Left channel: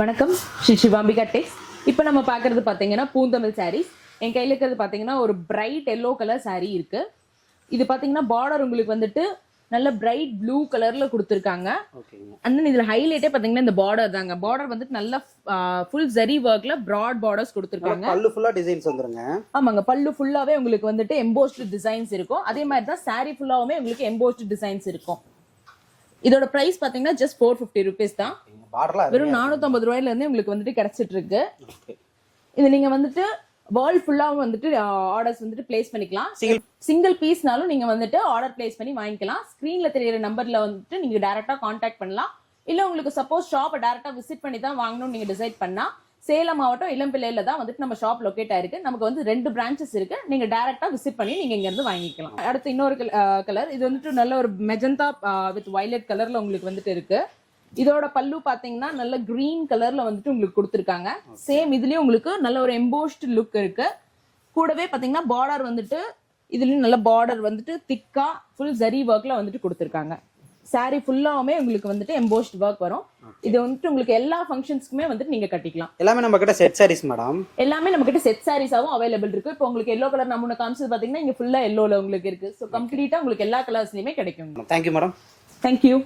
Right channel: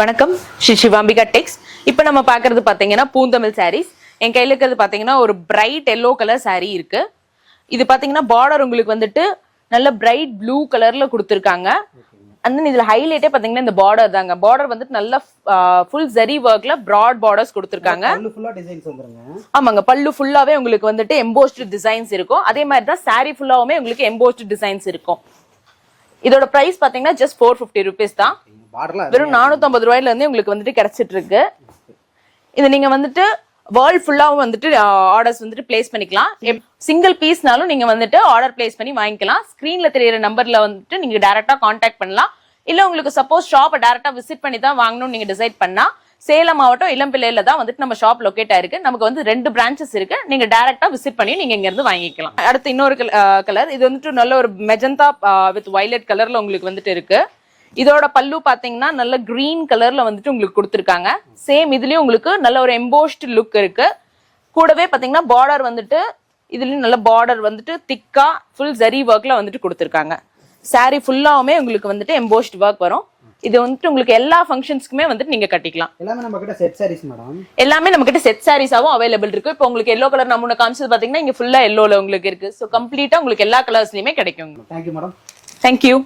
வணக்கம் ஸ்ரீ சிவாம்பிகா டெக்ஸ். இப்போ நம்ம பார்க்கறது பார்த்தீங்கன்னா பூந்தமிழ் சாரீஸ். என் கையில் இருக்கிறது பார்த்தீங்கன்னா ஒரு பிரைட் எல்லோ கலர் சாரீ இருக்கு. இது பார்த்தீங்கன்னா பார்டர் உங்களுக்கு வந்துட்டு நல்ல பிரைட் ப்ளூ கலர்ல கொடுத்துருக்காங்க. அண்ட் இதுல ஹைலைட்டே பார்த்தீங்கன்னா இந்த பார்டர் தாங்க. பார்டர் வந்துட்டு நல்ல ஃபுல் ஜரி ஒர்க்ல பிராட் பார்டர்ஸ் கொடுத்துருக்காங்க. பல்லு ஃபுல்லா டிசைன்ஸ் வந்துருங்க. ஆமாங்க, பல்லு ஃபுல்லாவே உங்களுக்கு வந்துட்டு எம்போஸ்டு டிசைன்ஸ் இருக்கும். அதே மாதிரி தான் சாரீ ஃபுல்லாவுமே உங்களுக்கு எம்போஸ்டு டிசைன்ஸ் இருக்கும். இதோட பிரைஸ் பார்த்தீங்கன்னா ஜஸ்ட் 450 rupees தான். வெறும் 450 ரூபாயில இருந்து உங்களுக்கு வந்துட்டு கிடைச்சிட்டு இருக்கு. இது நீங்க வந்துட்டு வேர்ல்ட் ஃபுல்லாவும் வந்துட்டு ஆர்டர்ஸ் வந்துட்டு பிளேஸ் பண்ணிக்கலாம். சிங்கிள் பீஸ்னாலும் நீங்க வந்துட்டு ஆர்டர் பிளேஸ் பண்ணி வாங்கிக்கலாம். ஸ்கிரீன்ல தெரியற நம்பர்ல வந்துட்டு நீங்க டைரக்டா கான்டாக்ட் பண்ணலாம். இல்ல உங்களுக்கு சப்போஸ் ஷாப்பை டைரக்டா விசிட் பண்ணி தான் வாங்கணும்னு நீங்க டிசைட் பண்ணா சேலம் மாவட்டம் இளம்பிள்ளையில தான் வந்துட்டு நம்ம ஷாப் லொகேட் ஆயிருக்கு. நமக்கு வந்து 2 பிரான்ச்சஸ் இருக்கு. நீங்க டைரக்டா விசிட் பண்ணி நீங்க இங்க இருந்து வாங்கிக்கலாம். அடுத்து இன்னொரு கலர், இது வந்துட்டு நல்ல ஒரு மெஜந்தா வித் வயலட் கலர்ல உங்களுக்கு வந்துட்டு இருக்கு. இதோட பல்லு பாத்தீங்கன்னா நல்ல கிரீன் கலர்ல வந்துட்டு உங்களுக்கு கொடுத்துருக்காங்க. சேம் இதுலயும் உங்களுக்கு நல்ல ஒரு எம்போஸ்ட் லுக் இருக்கு. கூடவே பாத்தீங்கன்னா பார்டர் வந்துட்டு இதுலயும் நல்ல பார்டர் வந்துட்டு திக்கா ஃபுல் ஜரி ஒர்க்ல வந்துட்டு கொடுத்துருக்காங்க. சாரி ஃபுல்லாவுமே உங்களுக்கு வந்துட்டு எம்போஸ்ட் ஒர்க் வரும். இது வந்துட்டு உங்களுக்கு எல்லா ஃபங்க்ஷன்ஸ்க்குமே வந்துட்டு நீங்க கட்டிக்கலாம். எல்லாமே நம்ம கிட்ட செட் சாரீஸ் மேடம். எல்லாமே நம்ம கிட்ட செட் சாரீஸாவும் அவைலபிள் இருக்கு. இப்போ உங்களுக்கு எல்லோ கலர் நம்ம காமிச்சது பாத்தீங்கன்னா இங்க ஃபுல்லா எல்லோல உங்களுக்கு இருக்கு. ஸோ கம்ப்ளீட்டா உங்களுக்கு எல்லா கலர்ஸ்லயுமே கிடைக்கும். Thank you madam. தேங்க்யூ.